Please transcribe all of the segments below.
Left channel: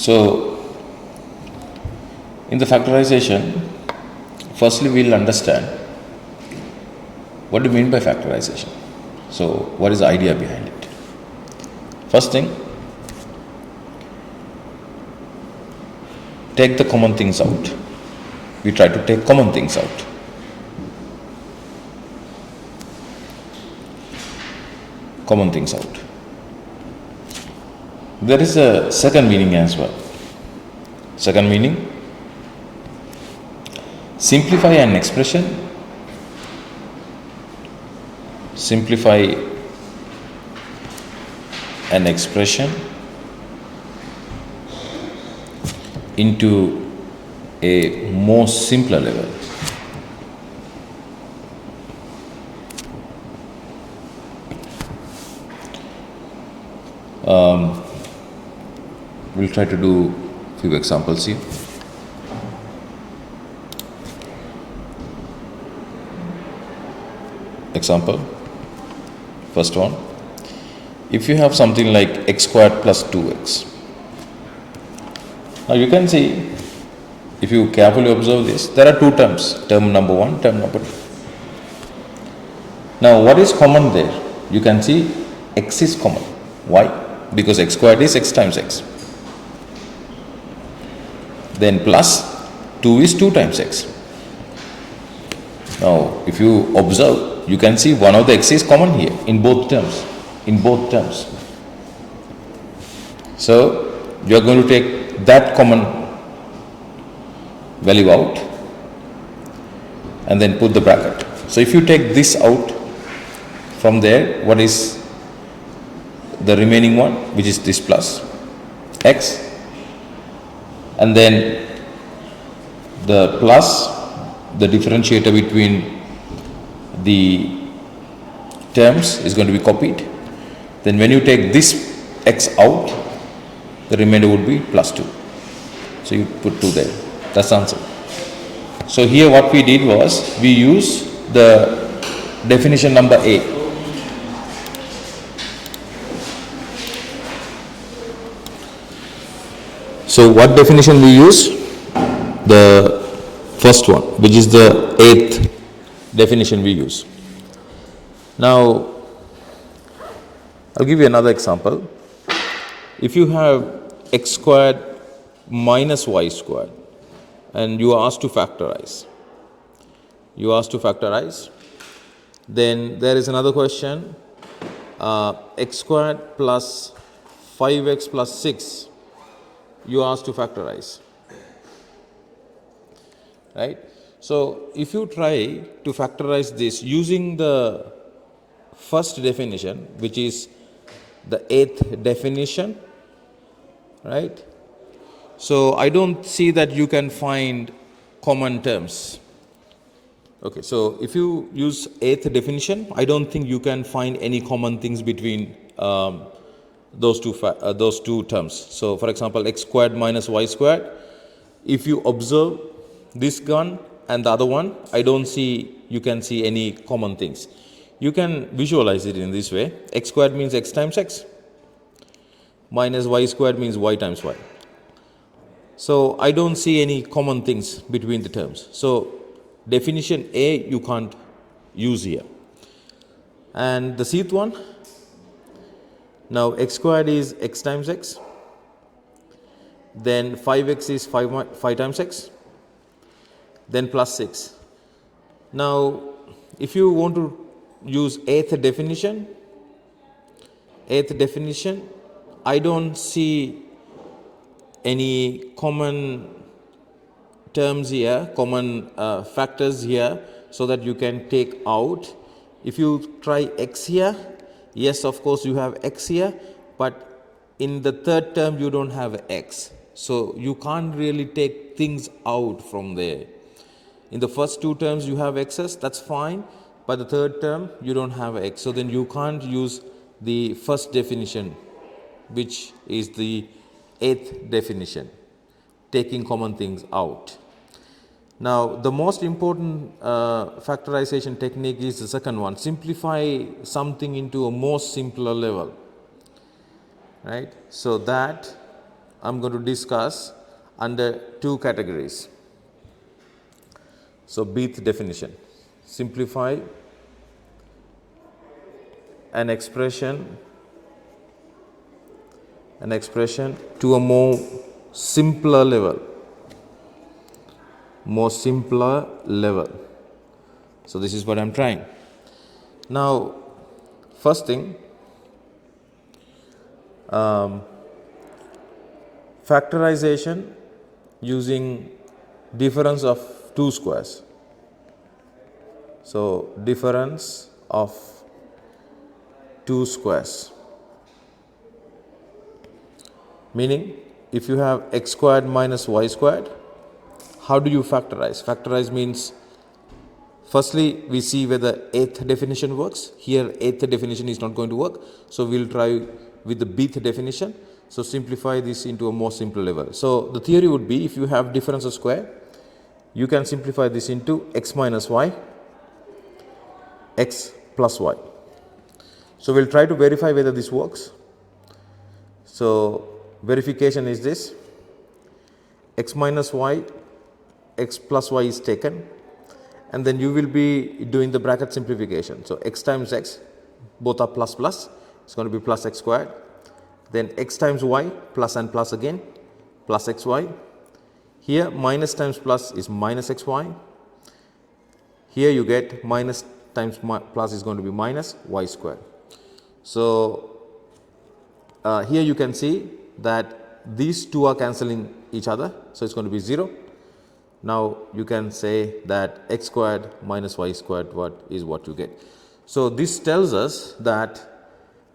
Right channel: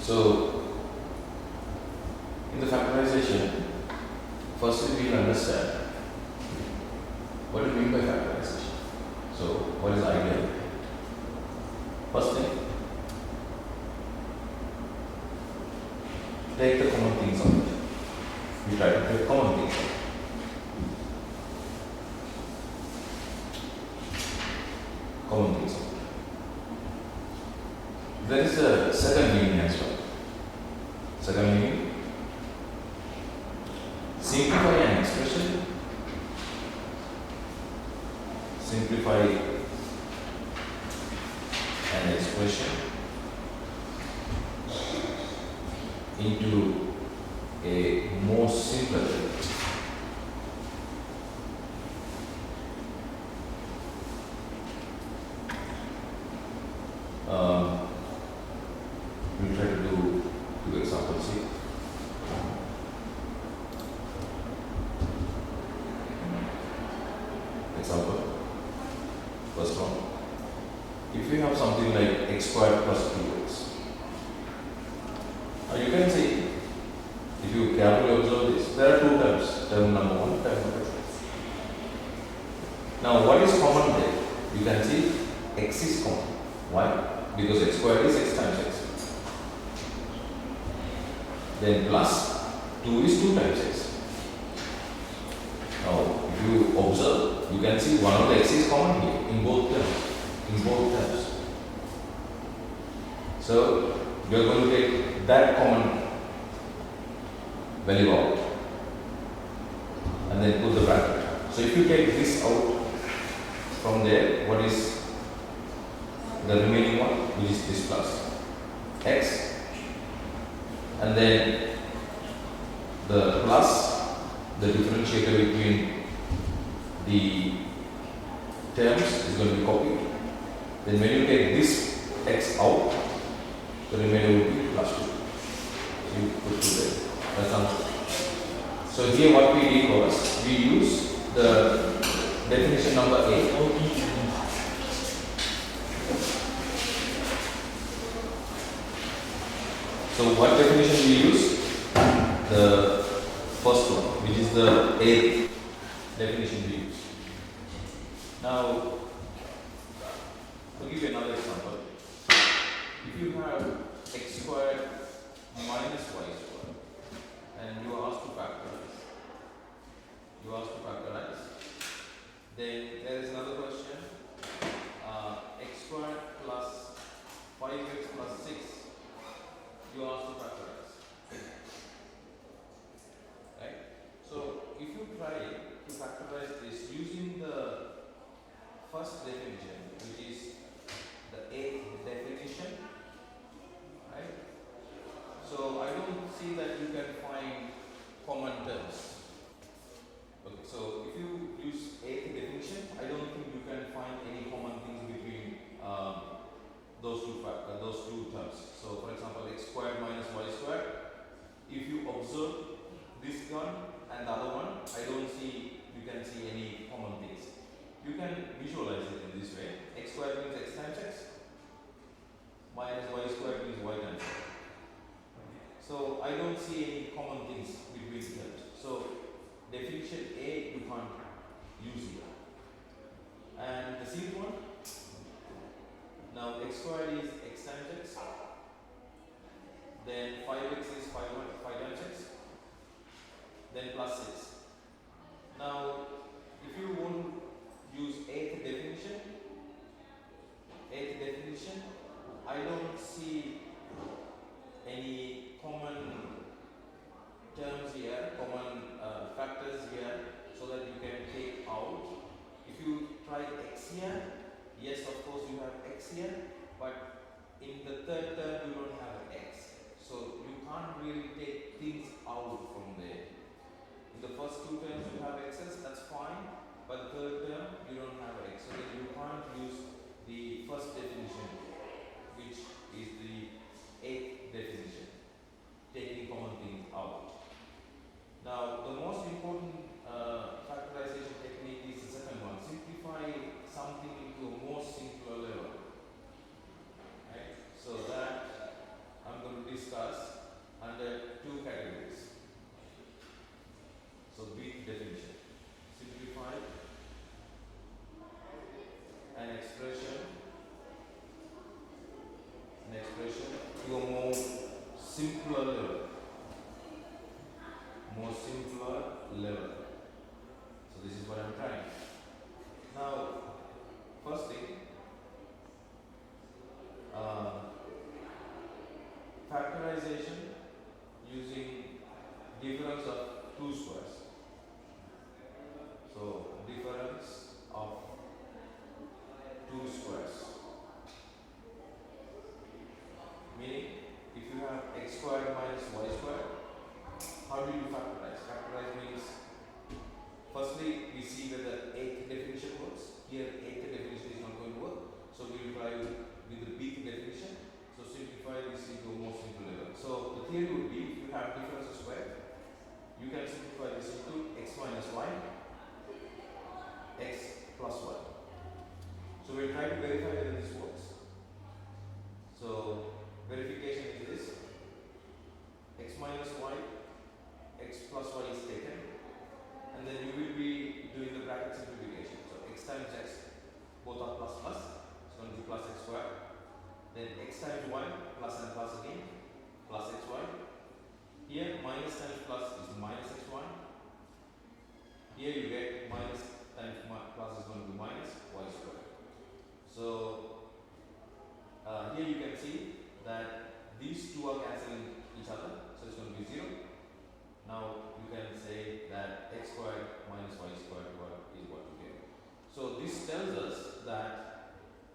So in the factorization, firstly we'll understand what do you mean by factorization. So what is the idea behind it? First thing, take the common things out. We try to take common things out. Common things out. There is a second meaning as well. Second meaning, simplify an expression, simplify an expression into a more simpler level. We'll try to do a few examples here. Example, first one, if you have something like x squared plus 2x. Now you can see, if you carefully observe this, there are two terms, term number one, term number two. Now what is common there? You can see x is common. Why? Because x squared is x times x. Then plus 2 is 2 times x. Now if you observe, you can see one of the x is common here in both terms. In both terms. So you are going to take that common value out and then put the bracket. So if you take this out from there, what is the remaining one, which is this plus x, and then the plus, the differentiator between the terms is going to be copied. Then when you take this x out, the remainder would be plus 2. So you put 2 there. That's the answer. So here what we did was, we use the definition number A. So what definition we use? The first one, which is the 8th definition we use. Now I'll give you another example. If you have x squared minus y squared and you are asked to factorize, then there is another question, x squared plus 5x plus 6, you are asked to factorize, right? So if you try to factorize this using the first definition, which is the 8th definition, right? So I don't see that you can find common terms. Okay, so if you use 8th definition, I don't think you can find any common things between those two terms. So for example, x squared minus y squared, if you observe this one and the other one, I don't see you can see any common things. You can visualize it in this way. X squared means x times x, minus y squared means y times y. So I don't see any common things between the terms. So definition A you can't use here. And the Cth one, now x squared is x times x, then 5x is 5 times x, then plus 6. Now if you want to use 8th definition, I don't see any common terms here, common factors here, so that you can take out. If you try x here, yes, of course you have x here, but in the third term you don't have x. So you can't really take things out from there. In the first two terms you have x's, that's fine, but the third term you don't have x. So then you can't use the first definition, which is the 8th definition, taking common things out. Now the most important factorization technique is the second one, simplify something into a more simpler level, right? So that I'm going to discuss under two categories. So, Bth definition, simplify an expression to a more simpler level. So, this is what I am trying. Now, first thing, factorization using difference of two squares. So, difference of two squares, meaning if you have x squared minus y squared, how do you factorize? Factorize means firstly we see whether eighth definition works. Here eighth definition is not going to work, so we will try with the bth definition. So, simplify this into a more simple level. So, the theory would be if you have difference of square, you can simplify this into x minus y, x plus y. So, we will try to verify whether this works. So, verification is this: x minus y, x plus y is taken, and then you will be doing the bracket simplification. So, x times x, both are plus plus, it's going to be plus x squared, then x times y, plus and plus again, plus xy. Here minus times plus is minus xy. Here you get minus times plus is going to be minus y squared. So, here you can see that these two are cancelling each other. So, it is going to be 0. Now, you can say that x squared minus y squared is what you get. So, this tells us that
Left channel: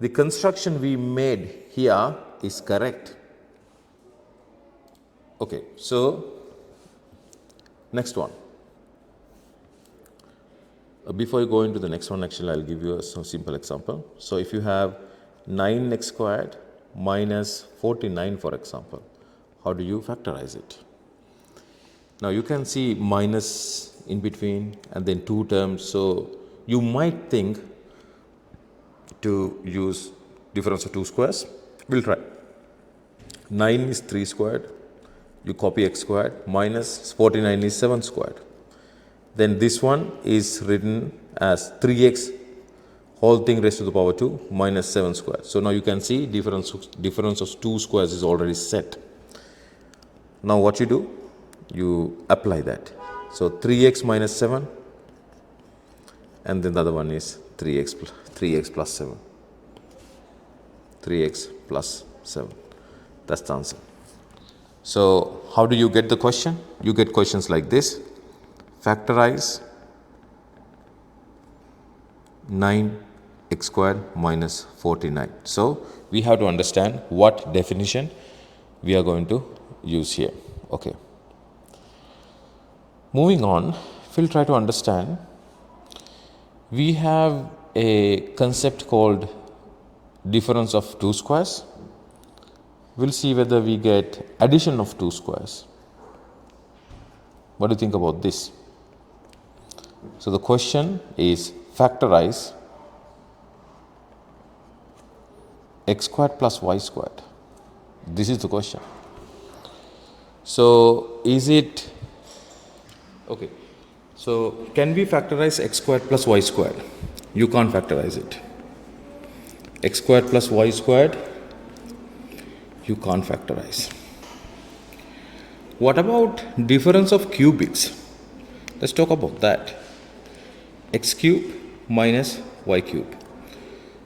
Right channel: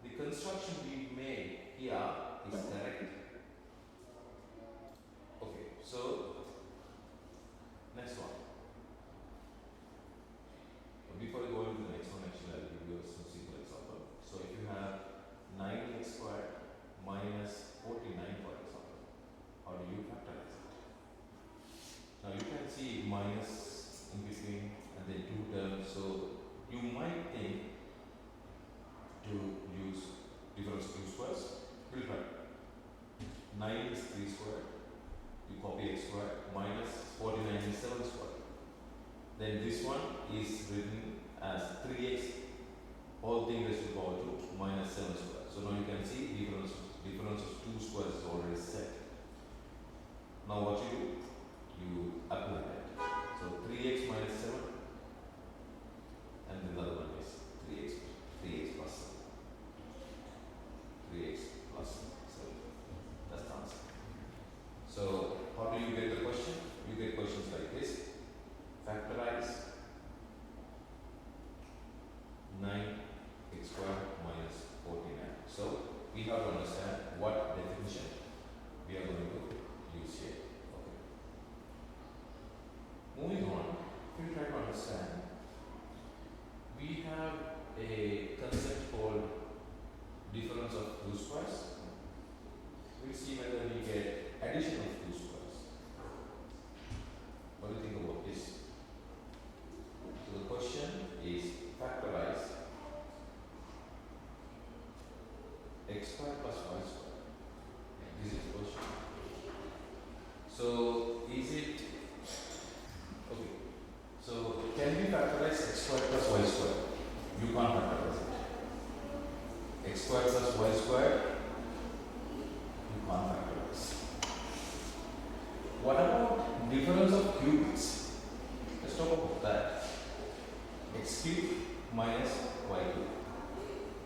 the construction we made here is correct. Okay. So, next one. Before you go into the next one, actually I will give you a simple example. So, if you have 9x squared minus 49, for example, how do you factorize it? Now, you can see minus in between and then two terms. So, you might think to use difference of two squares. We will try. 9 is 3 squared, you copy x squared, minus 49 is 7 squared. Then this one is written as 3x whole thing raised to the power 2 minus 7 squared. So, now you can see difference of two squares is already set. Now, what you do? You apply that. So, 3x minus 7, and then the other one is 3x plus 7. 3x plus 7. That's the answer. So, how do you get the question? You get questions like this: factorize 9x squared minus 49. So, we have to understand what definition we are going to use here. Okay. Moving on, we will try to understand. We have a concept called difference of two squares. We will see whether we get addition of two squares. What do you think about this? So, the question is factorize x squared plus y squared. This is the question. So, is it okay? So, can we factorize x squared plus y squared? You can't factorize it. X squared plus y squared, you can't factorize. What about difference of cubics? Let's talk about that. X cube minus y cube.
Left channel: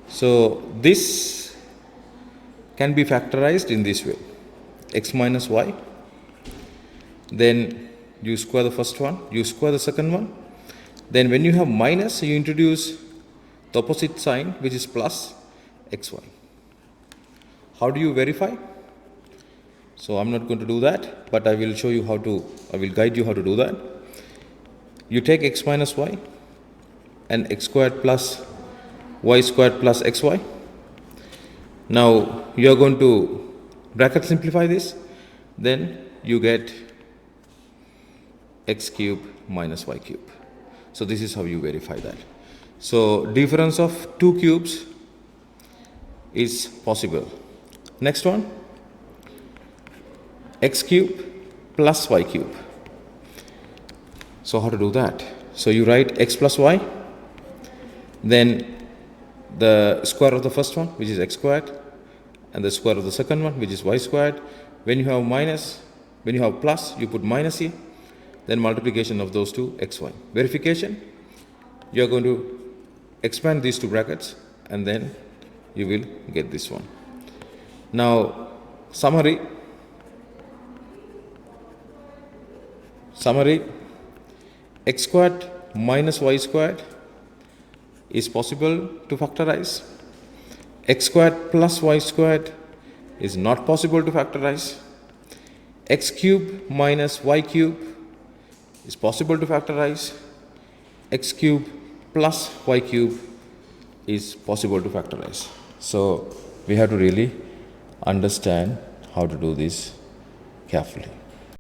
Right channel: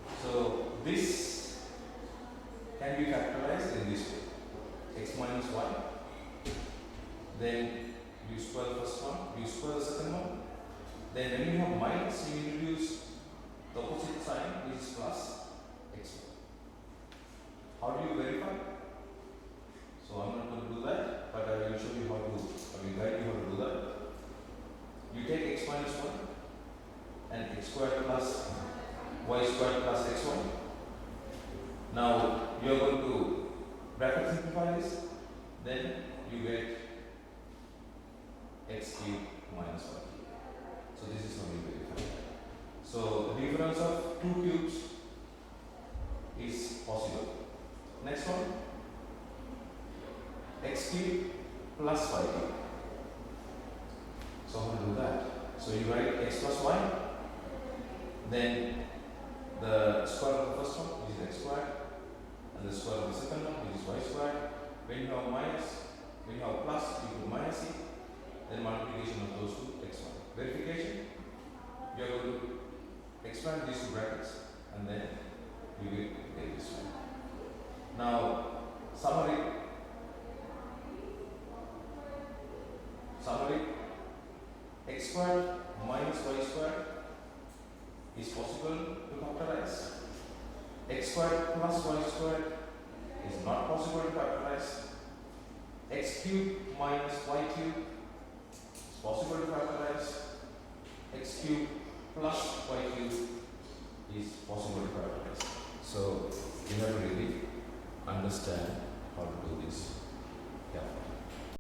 So, this can be factorized in this way: x minus y, then you square the first one, you square the second one, then when you have minus, you introduce the opposite sign, which is plus xy. How do you verify? So, I am not going to do that, but I will show you how to, I will guide you how to do that. You take x minus y and x squared plus y squared plus xy. Now, you are going to bracket simplify this, then you get x cube minus y cube. So, this is how you verify that. So, difference of two cubes is possible. Next one, x cube plus y cube. So how to do that? So you write x plus y, then the square of the first one, which is x squared, and the square of the second one, which is y squared. When you have plus, you put minus here, then multiplication of those two, xy. Verification, you are going to expand these two brackets, and then you will get this one. Now, summary, x squared minus y squared is possible to factorize. X squared plus y squared is not possible to factorize. X cube minus y cube is possible to factorize. X cube plus y cube is possible to factorize. So we have to really understand how to do this carefully.